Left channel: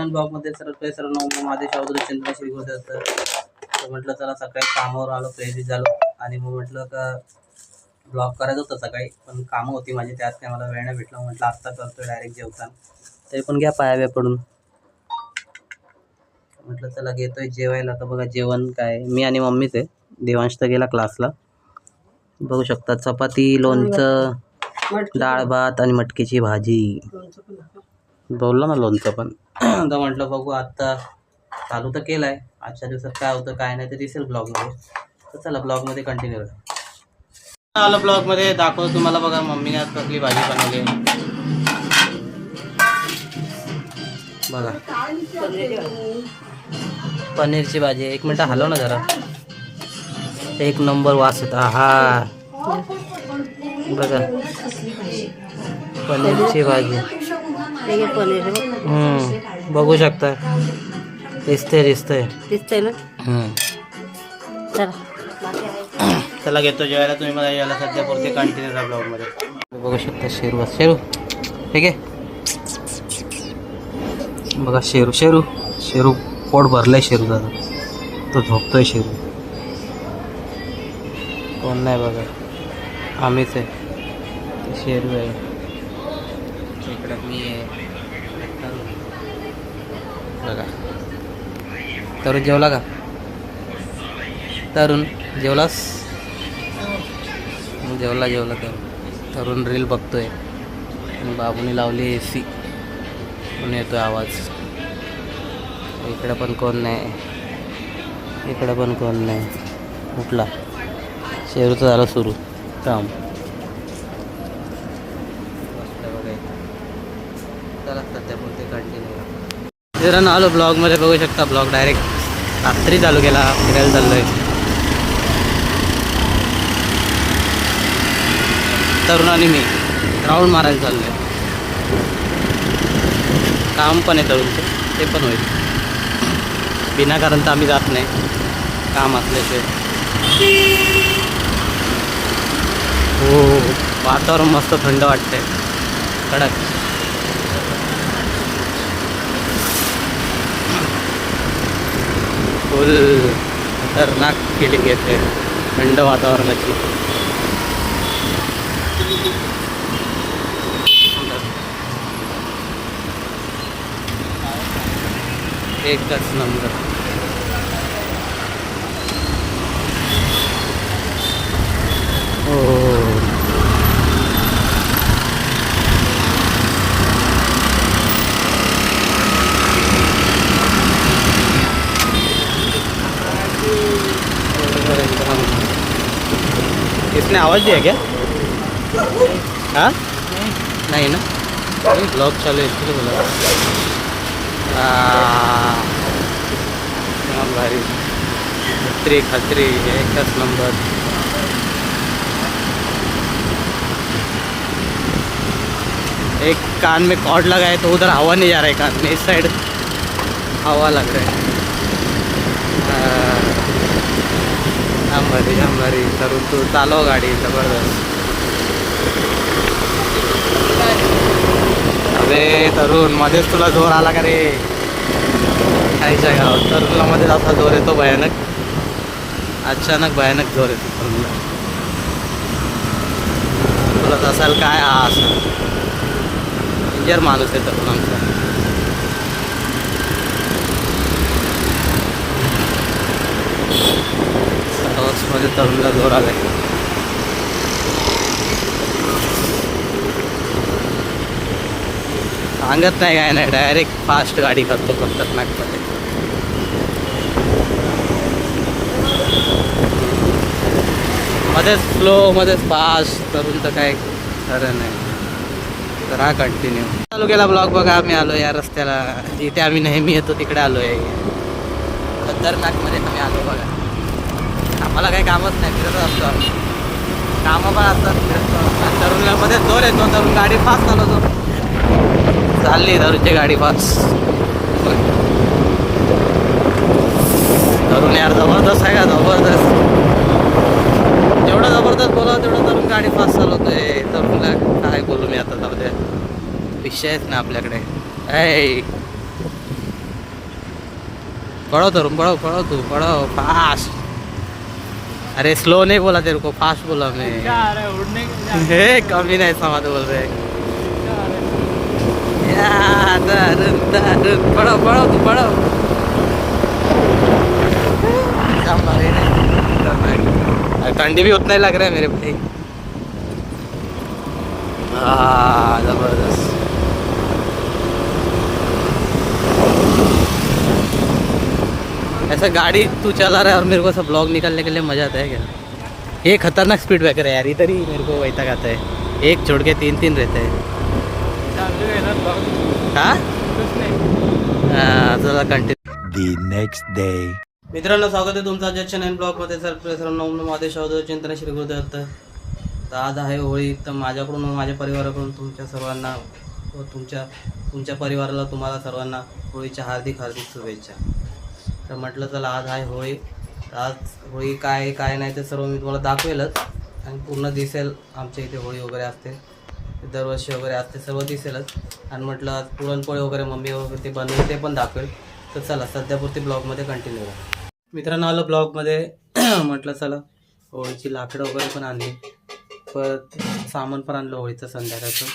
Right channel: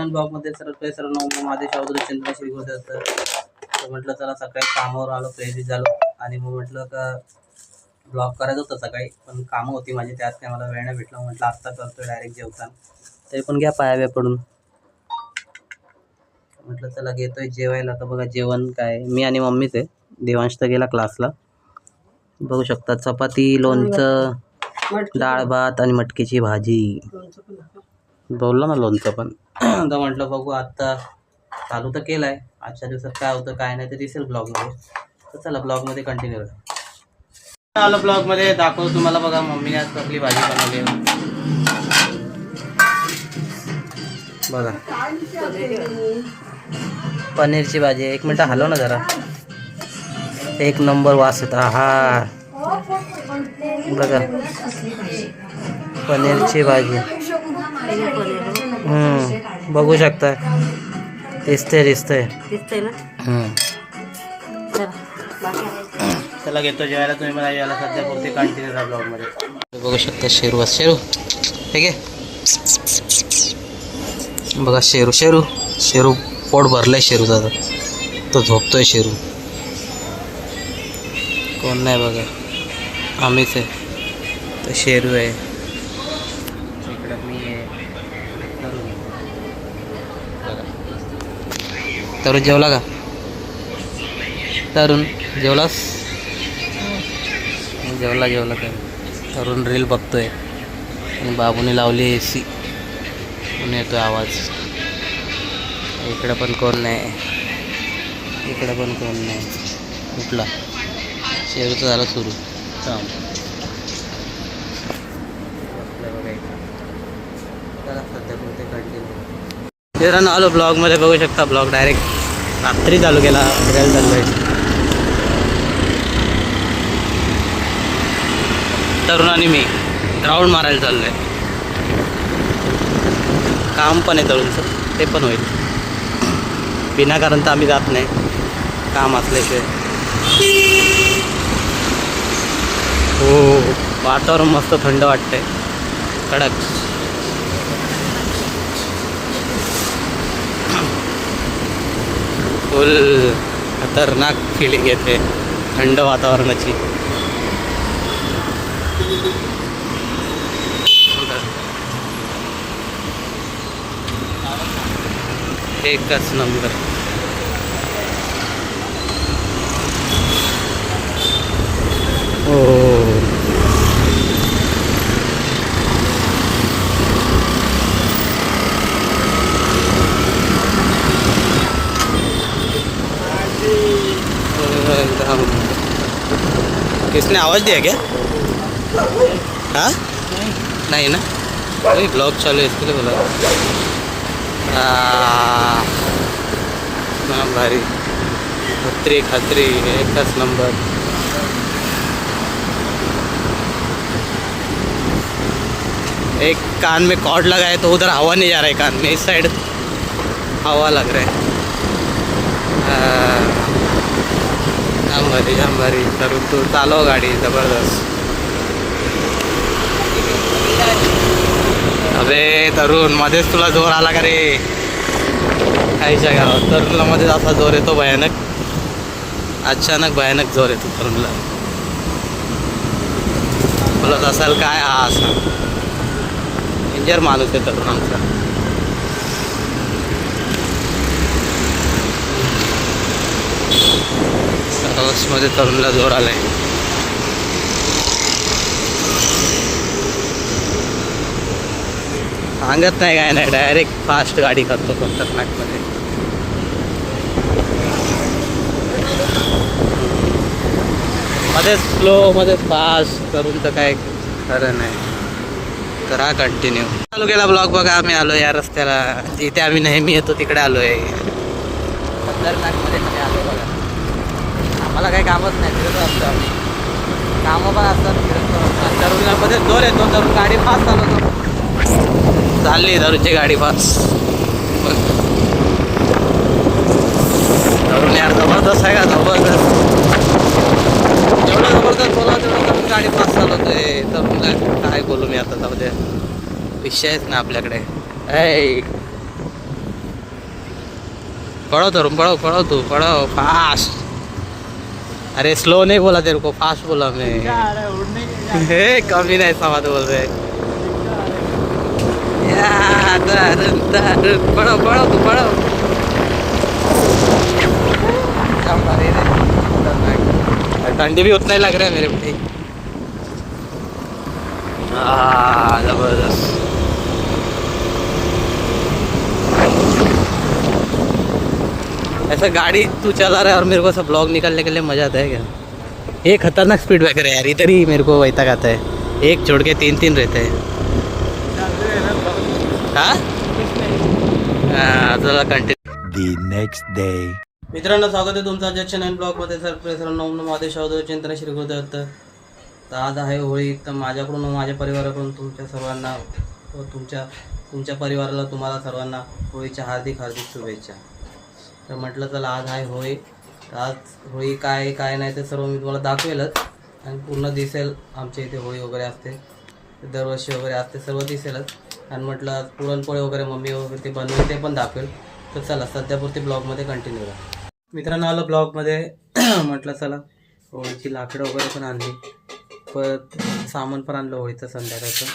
Channel ब्लॉगमध्ये सर्वांना ओम माझे शावदुरी चंद्र श्री गुरुदेव. तर म्हटलं चला सकाळी कामावर आलो, प्रेरित झालो आणि मग म्हटलं का ब्लॉग करायचं होतं सकाळी, पण कामं होती माझी, त्यात काय मला वेळ नाही भेटला. म्हटलं आत्ता करतोय डायरेक्ट जेवताना. तरी पण घ्या पाया पडून. म्हटलं चला घेतोय जेवायला. तर बघा जेवण काय, मी आणि मम्मीच आहे. देवांश तर गेला क्लासला. बघू शकता चपाती, लोणचं, डाळ भात आणि मटकीची भाजी. बोललो ना लोणचं पण. तर म्हटलं बघू आत्ता चालू तर केलं आहे. आजच्या दिवसात काय होतं काय नाही ते दिसेल ब्लॉगमध्ये. तर चला ब्लॉगमध्ये कंटिन्यू करा. आलो ब्लॉगमध्ये दाखवतो तुम्हाला. बघा मम्मीने आज कसली भाजी बनवली बघा. पनीरची भाजी. एक मिनटं हलव ना जरा. एक नंबर वास होता. हा बघा पनीरची भाजी. बघू शकता. दिसतंय ना. चला घेतो जेवायला. तुम्ही मला याला सध्या पुरते कंटिन्यू राहा ब्लॉगमध्ये. बघू शकता शेरू ठीक आहे. बघा शेरू पोट भरलंय शेरू दादा. तो झोपतोय शेरू. कोण नाही बघा, आम्हीच आहे. तो शेरू आहे. इकडं मी आहे. बघा तरुण जेवला का? तरुण जेवलास? जेवला तरुण रील बघतोय आणि बाबूने लावली AC म्हणून येतोय आवाज. इकडं पण कोण नाही. उठला शेरूचं झालं सुरू काम. बसलं बघा इथं. चला सध्या बोलते कंटिन्यू. फिरायला आलो ब्लॉगमध्ये. बघू शकता ब्लॉग डायरेक्ट रात्री चालू केला. फिरायला चाललोय. तरुण आणि मी राऊंड मारायला चाललोय. काम पण आहे तरुणचं, ते पण होईल. विनाकारण तर आम्ही जात नाही काम असल्याशिवाय. हो वातावरण मस्त थंड वाटतंय, कडक. फुल खतरनाक फीलिंग येते थंड वातावरणाची. एकच नंबर. हो इसने आवाज दिया क्या? हाँ नहीं ना, नहीं ब्लॉग चालू है इसके लिए बोला. भारी खतरी एकच नंबर. एक कान में कॉर्ड लगा है तो उधर हवा नहीं जा रहा है कान में. इस साइड हवा लग रहा है. जाम भारी. तरुण तू चालव गाडी जबरदस्त. अरे तरुण मध्येच तुला जोर आला का रे? काहीच्या गावात तरुणला मध्येच असा जोर येतो भयानक. अचानक भयानक जोर येतो तरुणला. बोलत असाल काय हा असा इंजर माणूस आहे तरुण आमचा. मध्ये तरुणला जोर आलाय. सांगत नाही काय नाही, डायरेक्ट फास्ट गाडी करतो खतरनाकमध्ये. मध्येच स्लो मध्येच फास्ट. तरुणचं काय खरं नाही. तर हा कंटिन्यू चालू केला ब्लॉग. बघा आम्ही आलो या रस्त्याला, इथे आम्ही नेहमी येतो तिकडे आलो आहे. खतरनाकमध्ये आम्ही आलो बघा. आम्हाला काही कामच नाही, फिरत असतो आम्ही. कामं पण असतात, फिरतो. तरुणला मध्ये जोर येतो. तरुण गाडी फास्ट चालवतो. चालली तरुणची गाडी फास्ट. तरुण यार जबरदस्त आहे का? जबरदस्त. जेवढं जबरदस्त बोला तेवढं तरुण गाडी फास्ट चालवतोय. तरुणला काय बोलू मी आता, जाऊ द्या. विषयच ना आपल्याकडे. पढ़ो तरुण पढ़ो पढ़ो तू पढ़ो फास्ट। अरे स्लो नहीं बोला तेरे को, फास्ट बोला मैं। हे कमी नहीं ऐसा बोल रहे। पढ़ो पढ़ो तू पढ़ो। ठंडी भी उतना ही लग रहा है मेरे भाई। जबरदस्त। ऐसा गाड़ी तू चला रहा है और मेरे को सब ब्लॉग निकालने के लिए मजा आता है क्या? ये खतरनाक स्पीड ब्रेकर है यार, इधर ही मेरे को वैसा आता है। एक छोड़ के तीन तीन रहते हैं। हाँ चला कंटिन्यू। Next day. मित्रांनो स्वागत आहे तुमचं आजच्या नवीन ब्लॉगमध्ये। सर्वप्रथम नम नमादेश चिंतन श्री गुरुदत्त। तर आज आहे होळी, तर माझ्याकडून व माझ्या परिवाराकडून तुमच्या सर्वांना व तुमच्या परिवाराला तुम्हाला सर्वांना होळीच्या हार्दिक हार्दिक शुभेच्छा। तर म्हटलं चला आज आहे होळी, तर आज होळी काय काय नाही ते सर्व मी तुम्हाला दाखवेलच आणि पूर्ण दिसेल। आमच्या इथे होळी वगैरे असते, दरवर्षी वगैरे असते, सर्व दिसेलच। आणि म्हटलं आज पुरणपोळी वगैरे मम्मी वगैरे ते बनवेल ते पण दाखवेल। तर चला सध्यापुरती ब्लॉगमध्ये कंटिन्यू राहा। मित्रांनो आलं ब्लॉगमध्ये म्हटलं चला होळीची लाकडं वगैरे पण आणली, परत सामान पण आणलं होळीचं संध्याकाळचं।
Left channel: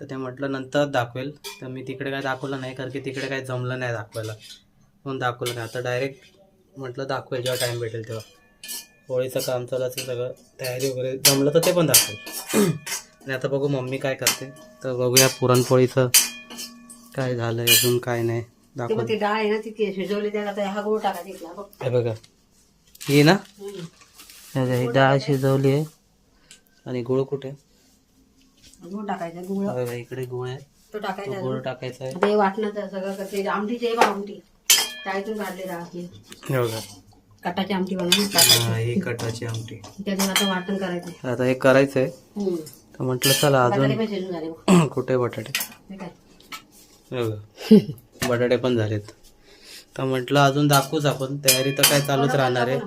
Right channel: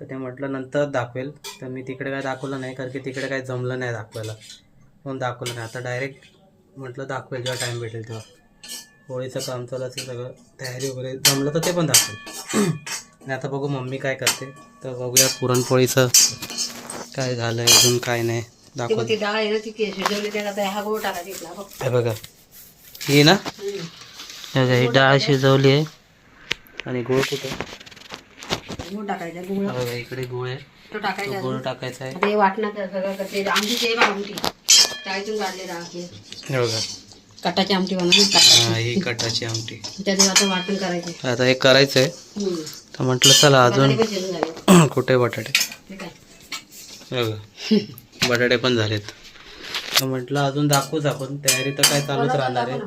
तर ते म्हटलं नंतर दाखवेल, तर मी तिकडे काय दाखवलं नाही कारण की तिकडे काय जमलं नाही दाखवायला, म्हणून दाखवलं नाही। आता डायरेक्ट म्हटलं दाखवेल जेव्हा टाईम भेटेल तेव्हा। होळीचं काम चालू असेल, सगळं तयारी वगैरे जमलं तर ते पण दाखवेल। आणि आता बघू मम्मी काय करते, तर बघूया पुरणपोळीचं काय झालं आहे अजून काय नाही दाखव। हे बघा ही ना, ही डाळ शिजवली आहे आणि गुळ कुठे बघा, इकडे गुळ आहे, तो गुळ टाकायचा आहे। हे बघा कटाची आमटी बनवून ही कटाची आमटी, आता वाटण करायचं। आता हे करायचं आहे, तर म्हटलं चला अजून कुठे बटाटे, हे बघा बटाटे पण झालेत। तर म्हटलं अजून दाखवूच आपण, तयारी तर काय चालूच राहणार आहे,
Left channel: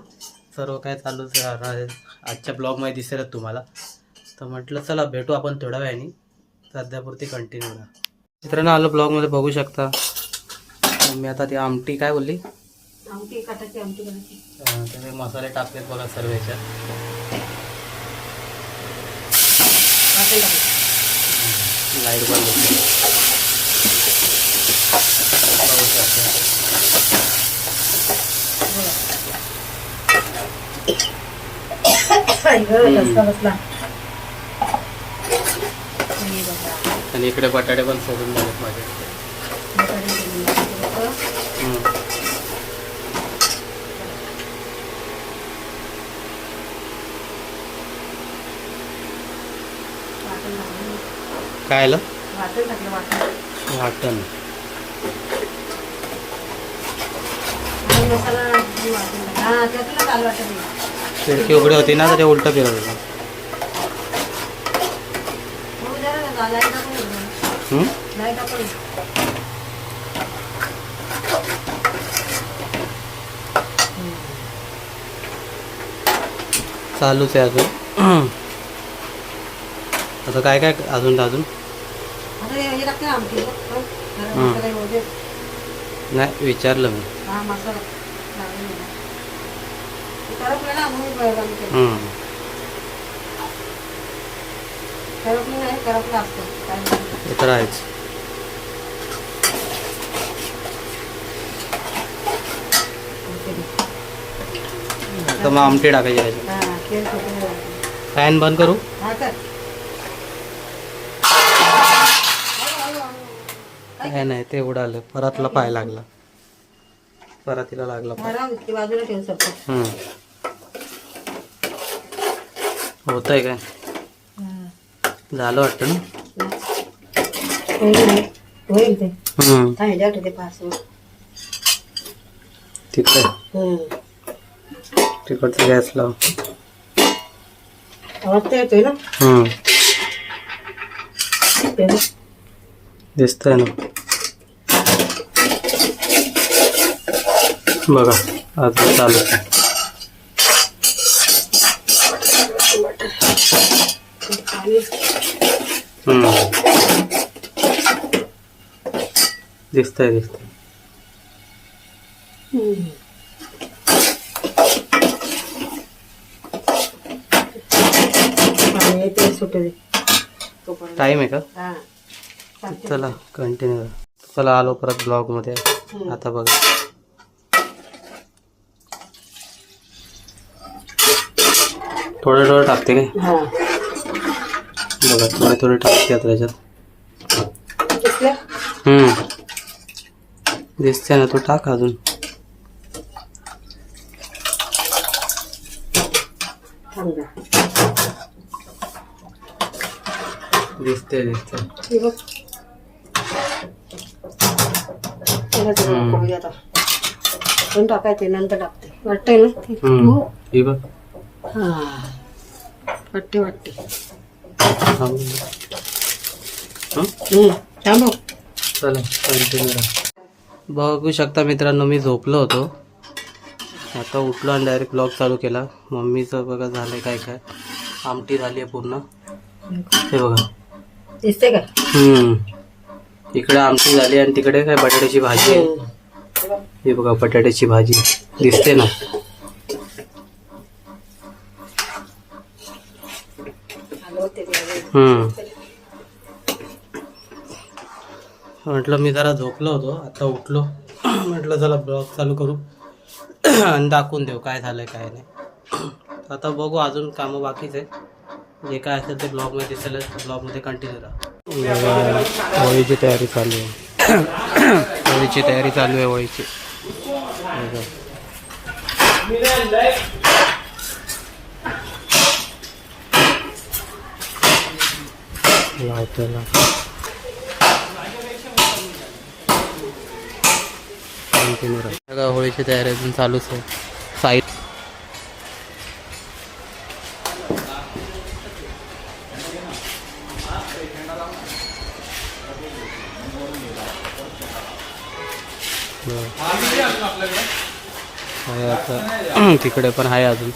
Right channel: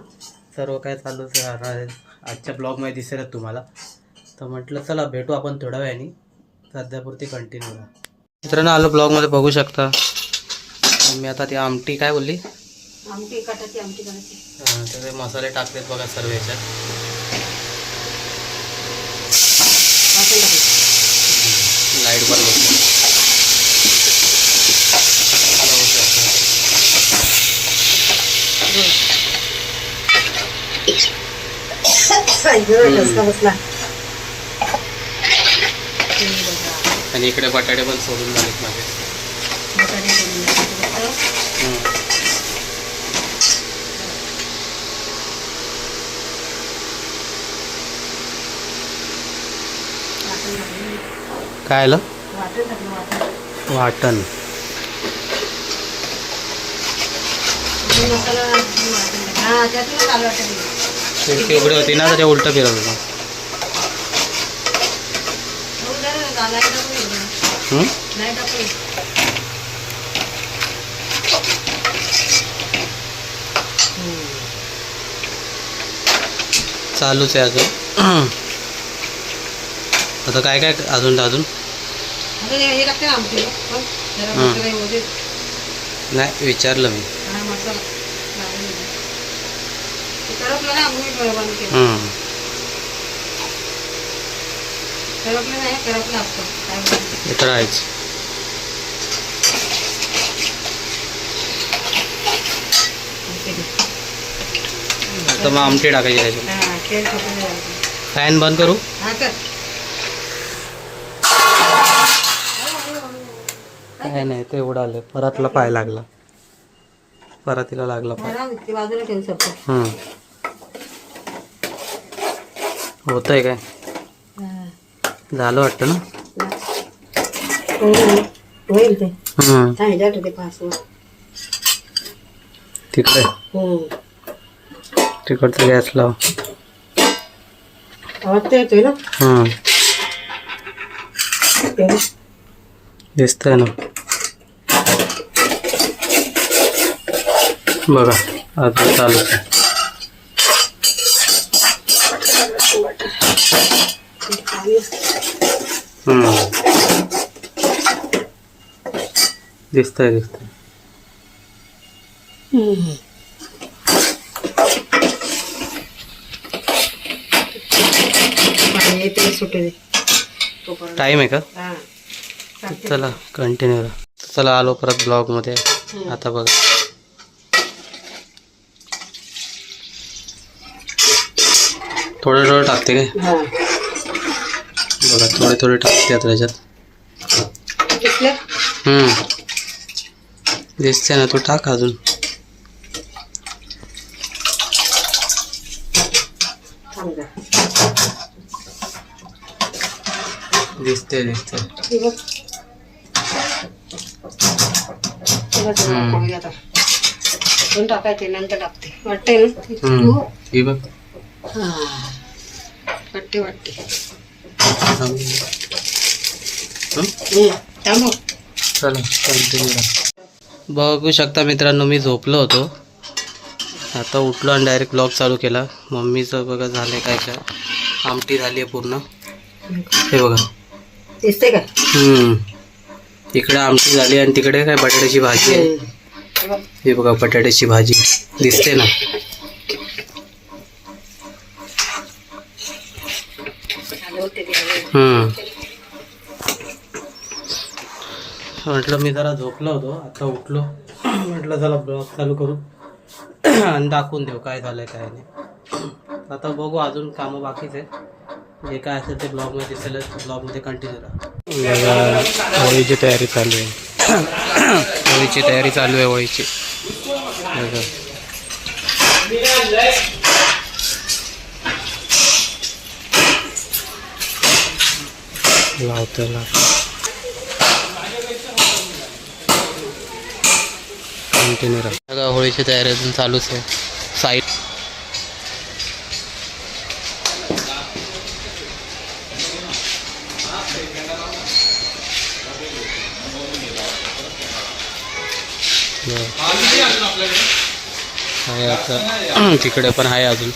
सर्व काय चालूच राहणार आहे आजच्या ब्लॉगमध्ये दिसेलच तुम्हाला। तर म्हटलं चला भेटू आपण थोड्या वेळाने, सध्यापुरती कंटिन्यू राहा। मित्रांनो आलं ब्लॉगमध्ये बघू शकता मी आता ती आमटी काय बोलली, आमटी कटाची आमटी बनायची। त्याचे मसाले टाकलेत बघा सर्व याच्यात। लाईट बंद होते आणि इकडे बटाटे पण सोडून झालेत माझे। काय आलं वाटण, खिडकी उघडी होती ना तर ते उलट फिरवलं। चालूच आहे अजून। आता काय काय अजून नाही विचारलं मी। हे तर आहेच। आता मग आमटी टाकायची त्याच्यात। फॅन बंद करू, काय नाही ते उडालं, परतला पाय लागला, परातीला लागला पाय। होत आहे काय झालं वाटतं ना, तिकडे तिकडचं गॅस लाव। दिसतंय ना बघा, अजून चालू आहे। दिसतंय ते सुटू दे तोपर्यंत. टाईम आहे का? हा. चला कंटिन्यू. चला आलो परत ब्लॉगमध्ये. आता बघा थोडं थोडं टाकते काय? हा. बघा थोडे थोडे टाकते आता त्याच्यात. दिसलं? दिसते ना, तू टाक अजून. थांब जरा. दिसते दिसते. हे बघ. त्याला जरा खाऊ दे आता. पण टाकायचे नंतर टाकते. वाटतंय ना? हो. हे बघ. हा. वाटते वाटते. थांबव. चला कंटिन्यू. बघू शकता मित्रांनो, मी झोपलो होतो, आता उठलो आणि डायरेक्ट ब्लॉग चालू केला. मम्मीचं बघा झालं काय काय, आमटी झाली आहे पूर्ण. हे बघा दिसते का? इकडे आमटी झाली आणि तिकडे काय बटाट्याची भाजी आहे. हे बघा बटाट्याची भाजी दिसते ना. म्हटलं मी जरा झोपलो होतो, आता उठलो, म्हटलं चला ब्लॉग चालू करू आणि दाखवून देऊ काय झालंय काय नाही. आता बघू, अजून कामं बाकीच आहे. जे काय असेल ते ब्लॉगमध्ये दिसेल, ब्लॉगमध्ये कंटिन्यू राहा. बघा होळीची तयारी चालू आहे. होळीची तयारी चालू आहे, होळीची. बघा लावतो कंटिन्यू राहा. बघा होळीची तयारी अजून चालूच आहे. साईड आहे आता. तिकडे पण आहे अजून,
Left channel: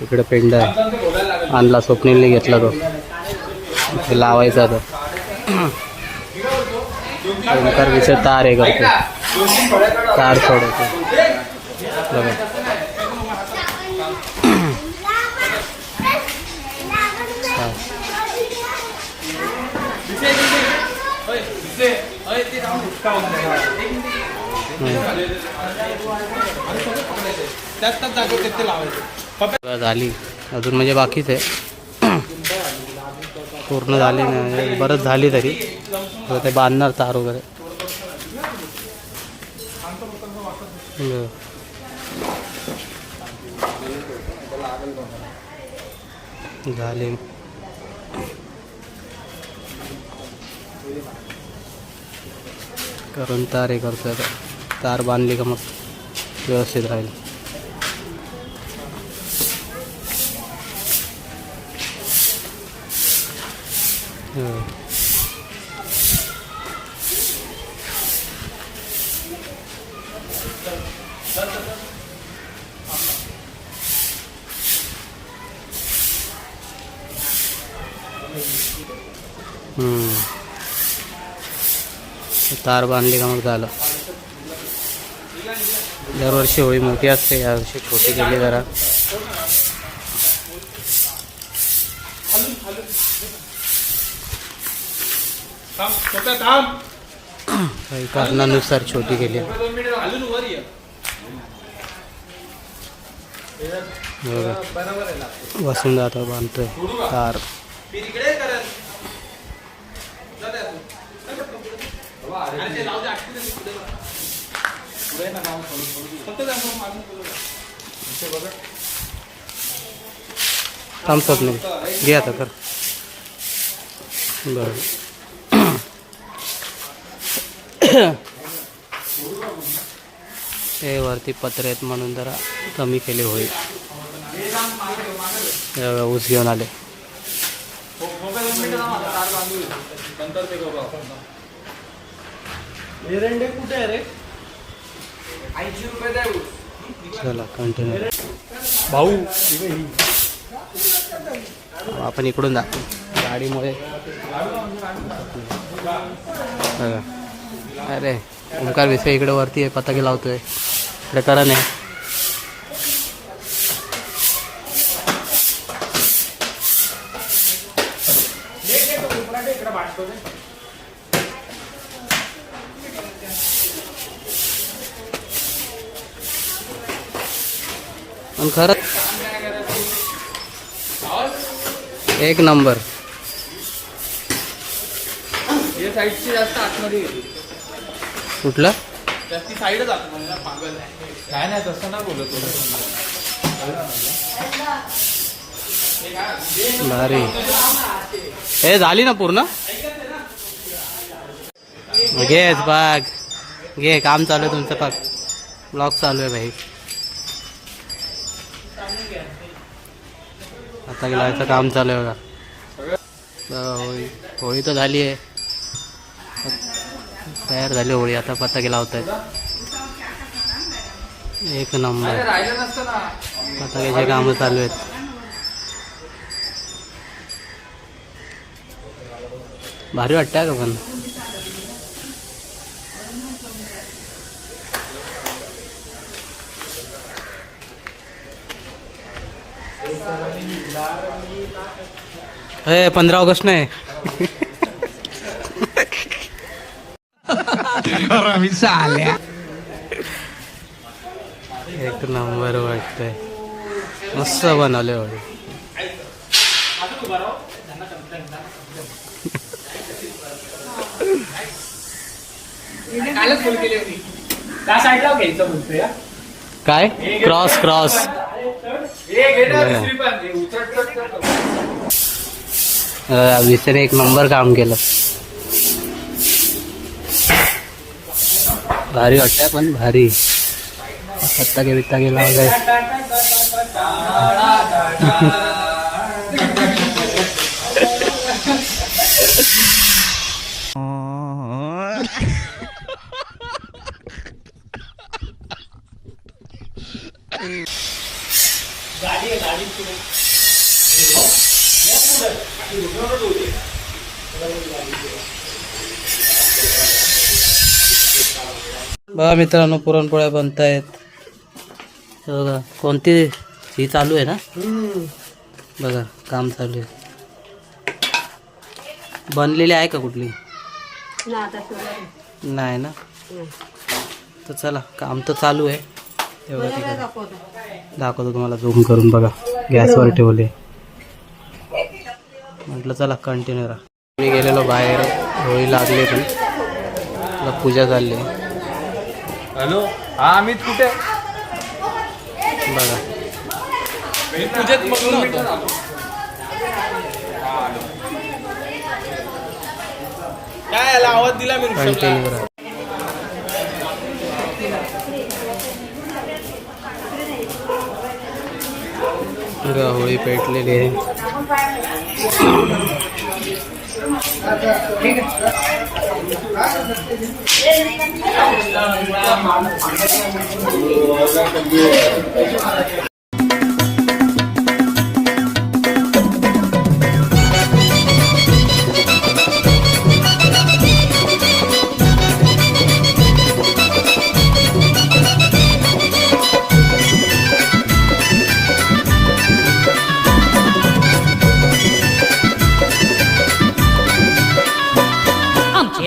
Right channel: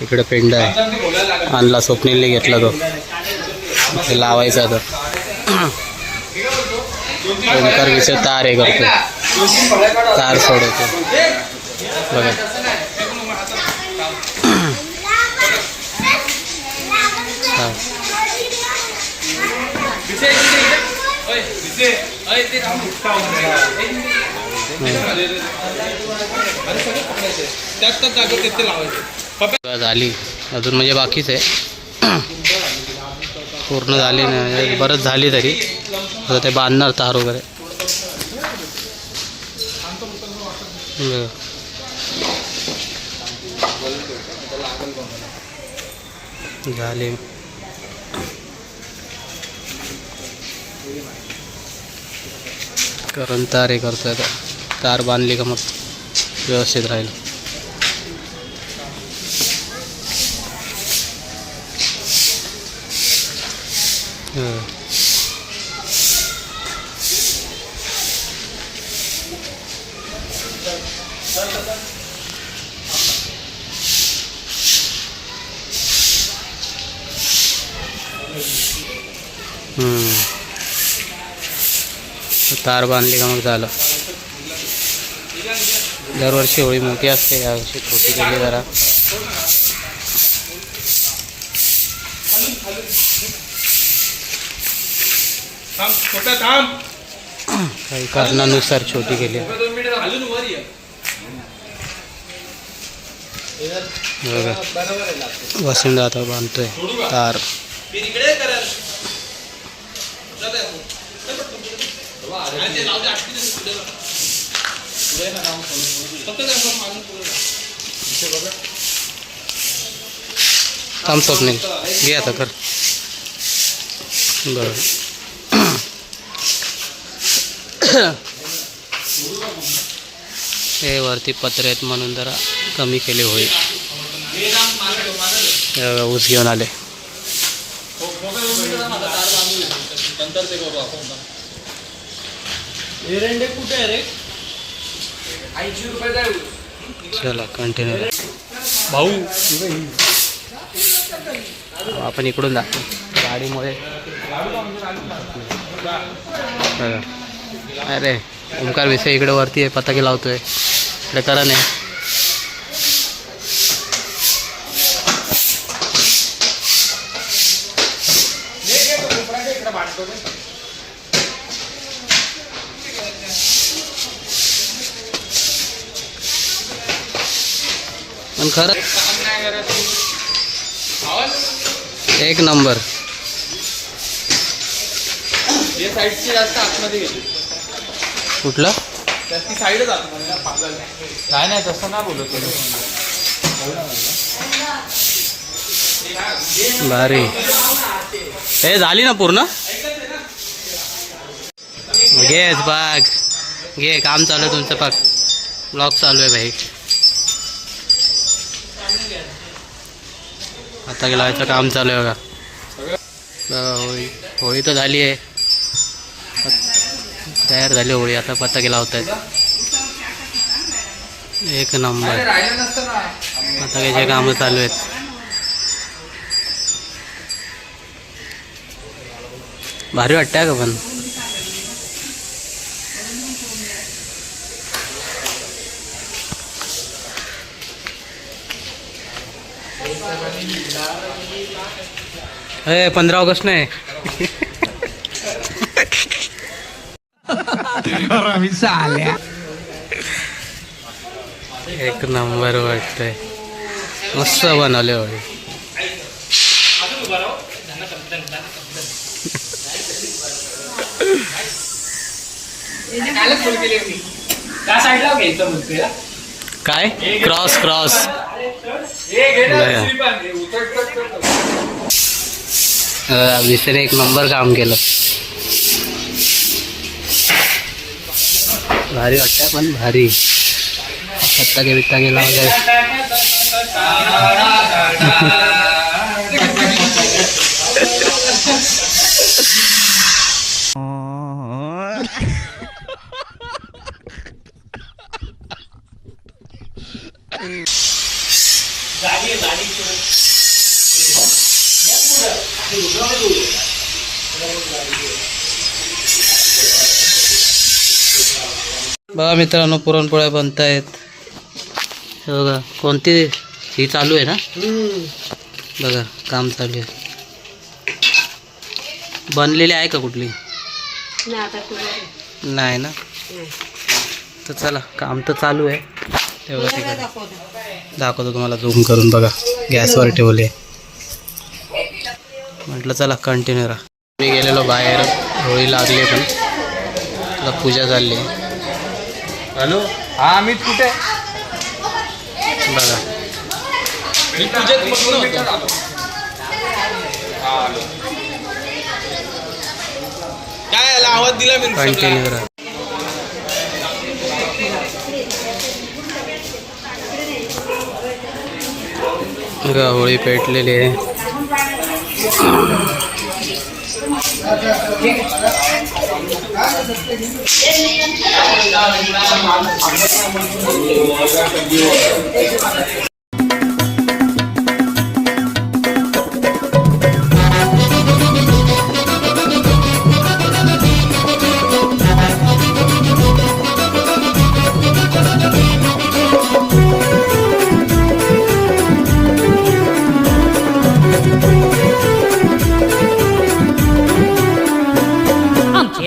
तिकडे पेंड आहे, आणला स्वप्नीलने घेतला तो, ते लावायचा आता. ओमकार विषय तार हे करतो, तार सोडवतो बघा. झाली अजून, म्हणजे बाकीच आहे, पूर्ण झाली नाही, बरंच झाली तरी. ते बांधणार तार वगैरे. झाले करून तार हे करतोय आता. तार बांधली का मग व्यवस्थित राहील. तार बांधली का मग झालं. दरवर्षी होळी मोठी असते, यावर्षी छोटी केली जरा. काही कारणानुसार छोटी केली. बघा वसंत आता बांधतोय तार. थांब स्वप्नील, घे आता कर. बरं हे वरती पत्रे आहेत म्हणून जरा कमी केले होईल. ऊस घेऊन आले. चला कंटिन्यू भाऊ. आपण इकडून जातो गाडीमुळे. अरे ओमकार विषय इकडे वरती आहे, पताके लावतोय. इकडे करा नाही. पण खरं एक नंबर. कुठला नाही तसं ना बोलत. भारी. हे झाली ना पूर्ण. घे बाग घे. काम चालू आहे तुमचं. पाक ब्लॉग चालू आहे भाई. आता लावायचं काम चालू आहे बघा. होळी होळी तर झाली आहे. तयार झाली होळी. आता पताके लावत आहेत. एक नंबर. पताक्याचे कामं चालू आहेत. भारी वाटतंय का पण. हे 15 ऑगस्ट नाही. एक नंबर वाटतंय. मस्त बनवले होळी. काय क्रॉस क्रॉस. विषयाने एक नंबर काम केलं. भारी वाटतंय पण भारी. पत्ताके बित्ताके लावले. बघा मित्रांनो पुरणपोळ्या बनतायत. बघा कोणती ही चालू आहे ना. बघा काम चालू आहे. बनलेली आहे का कुठली. नाही ना. तर चला काम तर चालू आहे. तेवढं तिकडे दाखवतो तुम्हाला झूम करून. बघा गॅसवर ठेवले. म्हटलं चला कंटिन्यू राहा. मी गेलेलो बाहेर. होळी लागली पण आता पूजा चालली. हॅलो हा अमित कुठे. बघा मी पूजेत बसलो होतो. काय याला आवाज दिला मी. कंटिन्यू राहा. बघा होळी पेटलेली आहे.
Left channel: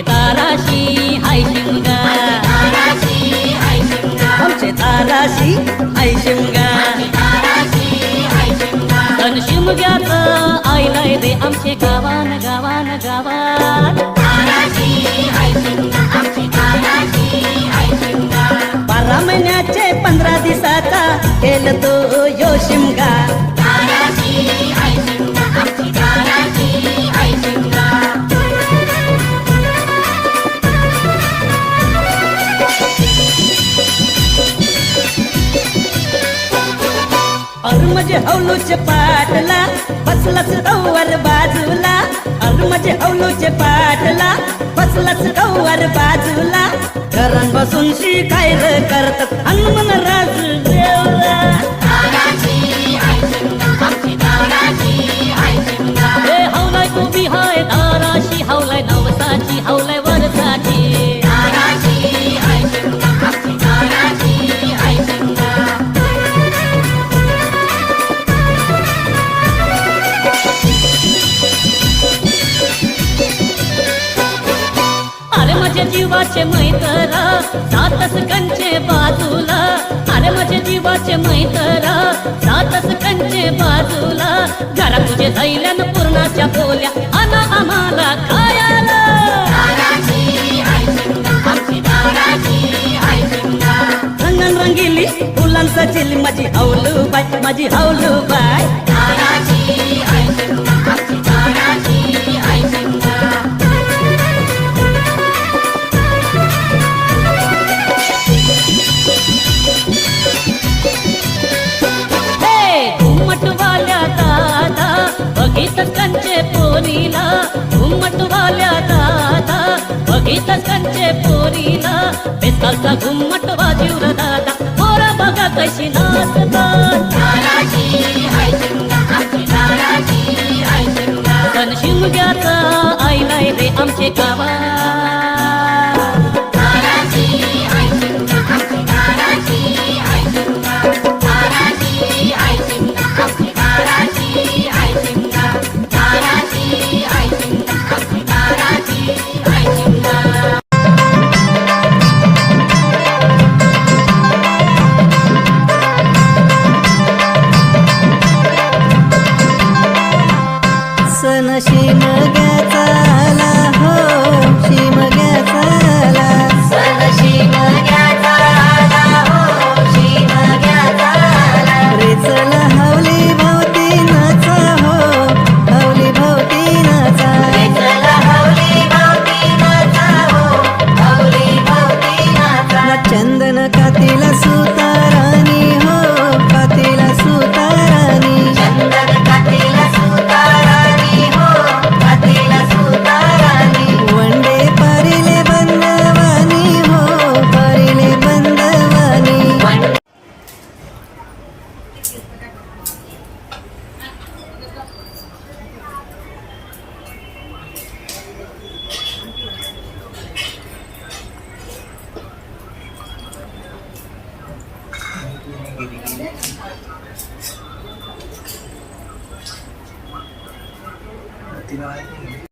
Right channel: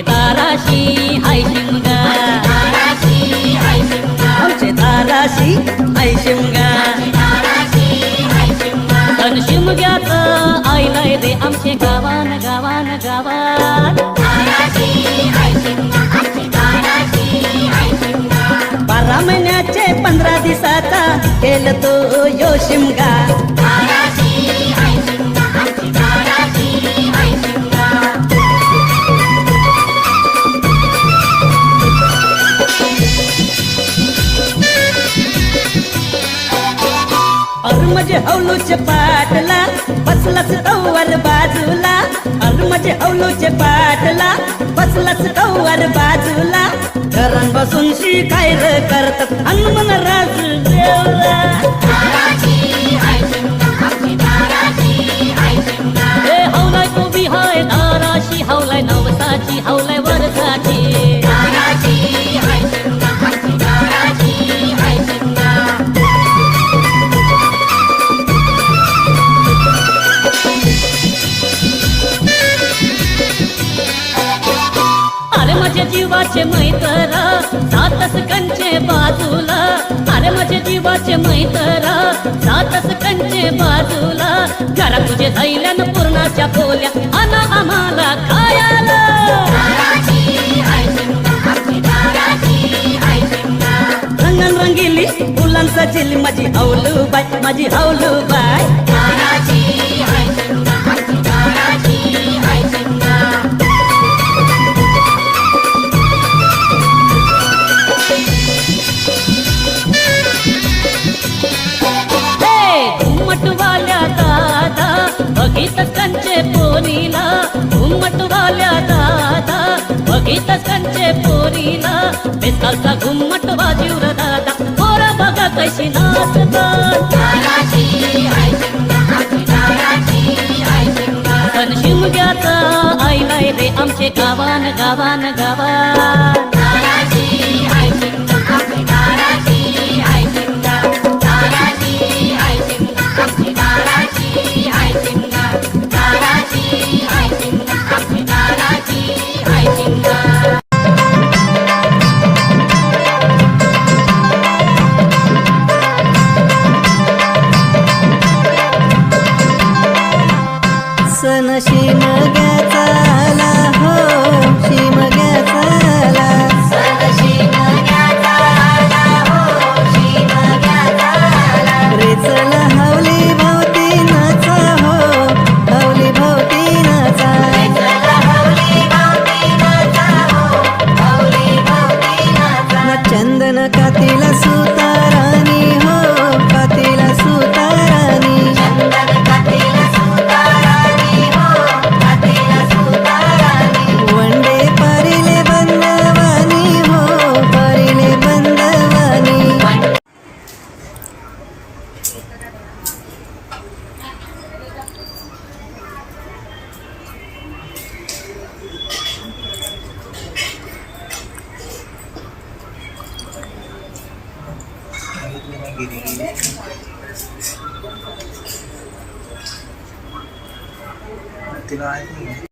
ताराशी हाय शिमगा. आमचे ताराशी हाय शिमगा. तन शिमग्याचं आईलाय दे आमचे गावान गावान गावान. 12 महिन्याचे 15 दिवसाचा केलं तो यो शिमगा. म्हणजे हौलूचे पाटला बसलाच कौवर बाजूला. म्हणजे हौलूचे पाटला बसलाच कौवर बाजूला. घरान बसून शिकायर करतात हनुमान राज देवला. हे हौलाय उभी हाय दाराशी. हौलाय नवसाची हौलाय वरसाची. जीवाचे मैत्र सातस कंचे बाजूला, अरे माझे जीवाचे मैत्र सातस कंचे बाजूला, घरा तुझे धैल्यान पूर्णाच्या पोल्या अना आम्हाला खायला. रंगन रंगिली फुलांचा चिली माझी हौलू बाय, माझी हौलू बाय. घुमटवाल्या दादा बघितच कंचे पोरीला, घुमटवाल्या दादा बघितच कंचे पोरीला, बेतालचा घुमटवा जीवर दादा पोरा बघा कशी नाचतात. सण शिमग्याचा आईलाय रे आमचे गावान गावान गावान. सण शिमग्याचा आला हो, शिमग्याचा आला. सण शिमग्याचा आला हो, शिमग्याचा आला. रे चला हवली भोवती नाचा हो, हवली भोवती नाचा. रे चला हवली भोवती नाचा हो, हवली भोवती नाचा. चंदन कातीला सुतारानी हो, कातीला सुतारानी. चंदन कातीला सुतारानी हो, कातीला सुतारानी. वंडे परिले बंदवानी हो, परिले बंदवानी. तिला आहे नाही.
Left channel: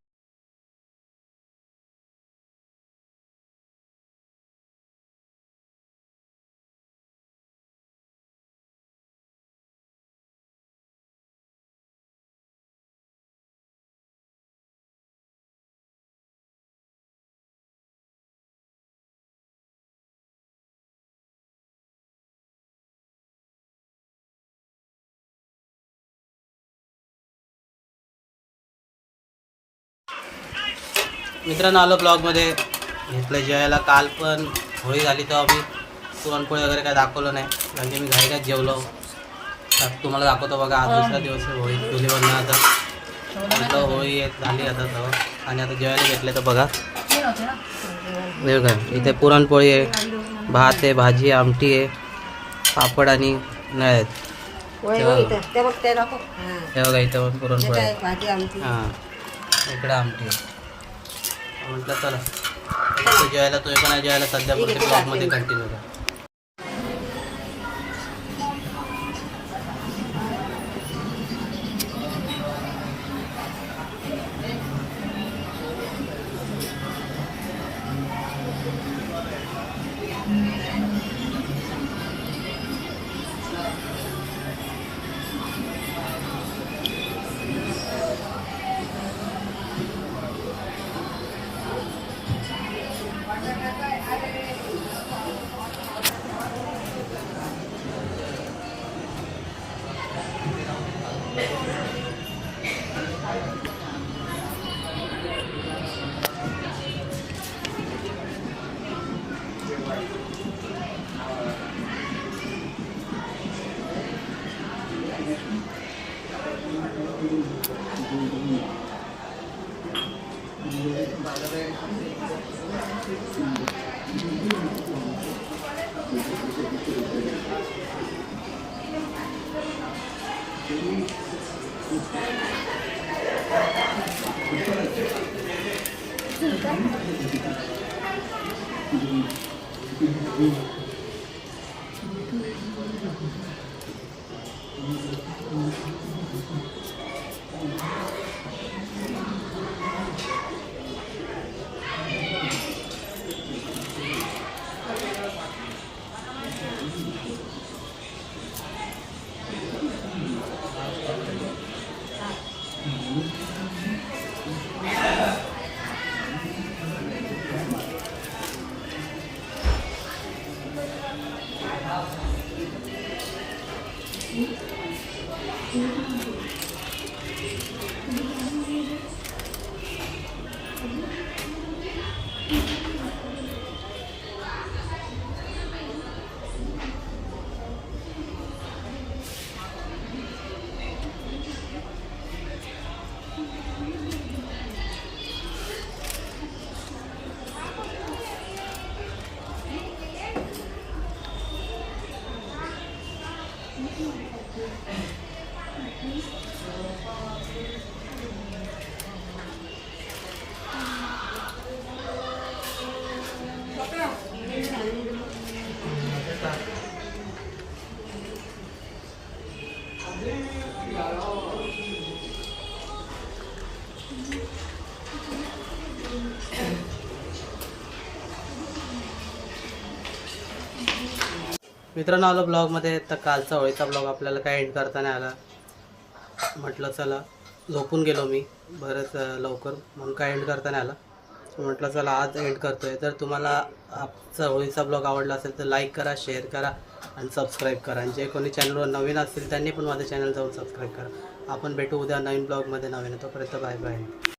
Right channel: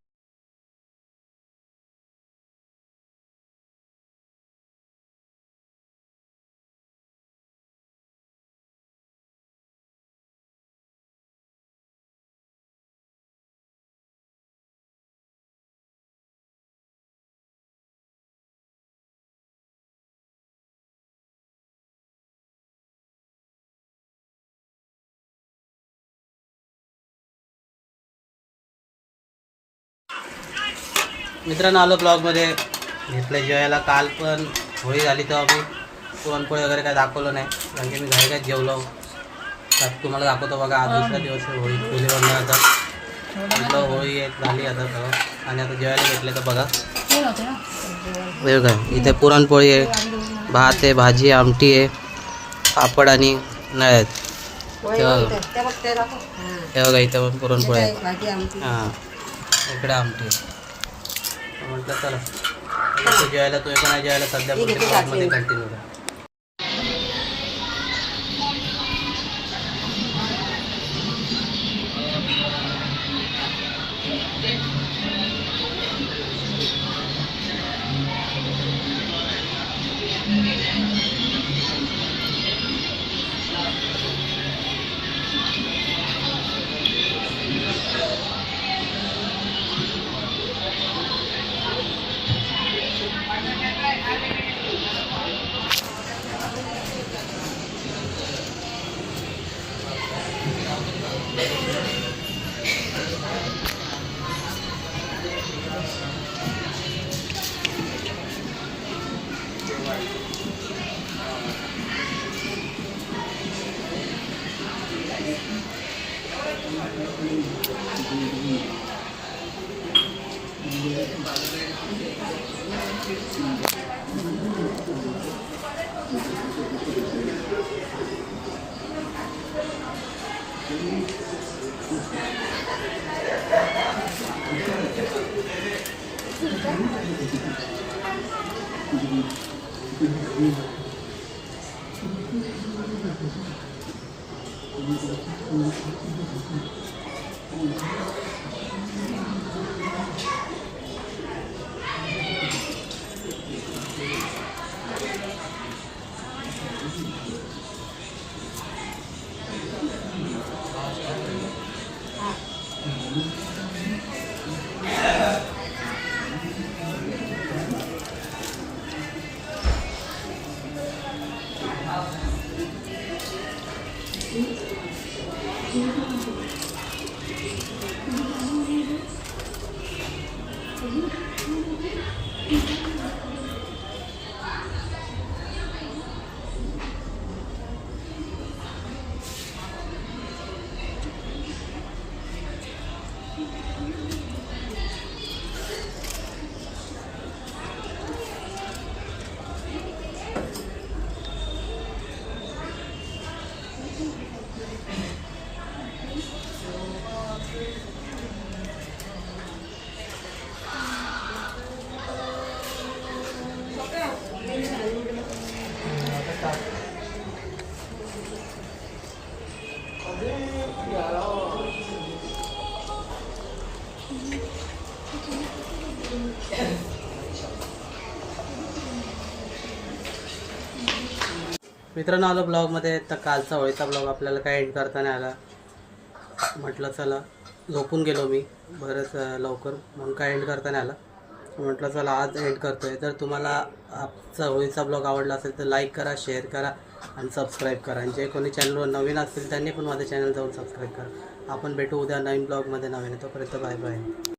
मित्रांनो आलो ब्लॉगमध्ये घेतलं जेवायला. काल पण होळी झाली तेव्हा मी पुरणपोळी वगैरे काय दाखवलं नाही, कारण की मी घाई जेवलो. तर तुम्हाला दाखवतो बघा, आज दुसरा दिवस आहे होळी चुली बनवण्याचा. म्हटलं होळी एक झाली आता तेव्हा, आणि आता जेवायला घेतलं तर बघा वेळ काय इथे पुरणपोळी आहे, भात आहे, भाजी आमटी आहे, पापड आणि नळ आहेत. हे बघा इथे पण पुरणपोळी आहे. हां इकडे आमटी आहे. म्हटलं चला जेवायला, तुम्ही पण जेवायला सध्या पुढच्या ब्लॉगमध्ये कंटिन्यू करा. मित्रांनो आलो ब्लॉगमध्ये. तर कालचा होळीचा ब्लॉग आपल्याला काय एंड करता नाही आला. म्हटलं चला, झोपून गेलो मी बरंच लवकर, म्हणून काय एंड करता नाही आला. म्हटलं चला आज एंड करतो आहे. तर तुम्हाला आजचा होळीचा ब्लॉग आवडला असेल तर लाईक करा, शेअर करा आणि सबस्क्राईब करा. आणि जे कोणी चॅनलवर नवीन असतील त्यांनी पण माझ्या चॅनल जाऊन सबस्क्राईब करा. आपण भेटू उद्या नवीन ब्लॉगमध्ये नवीन. तोपर्यंत बाय बाय.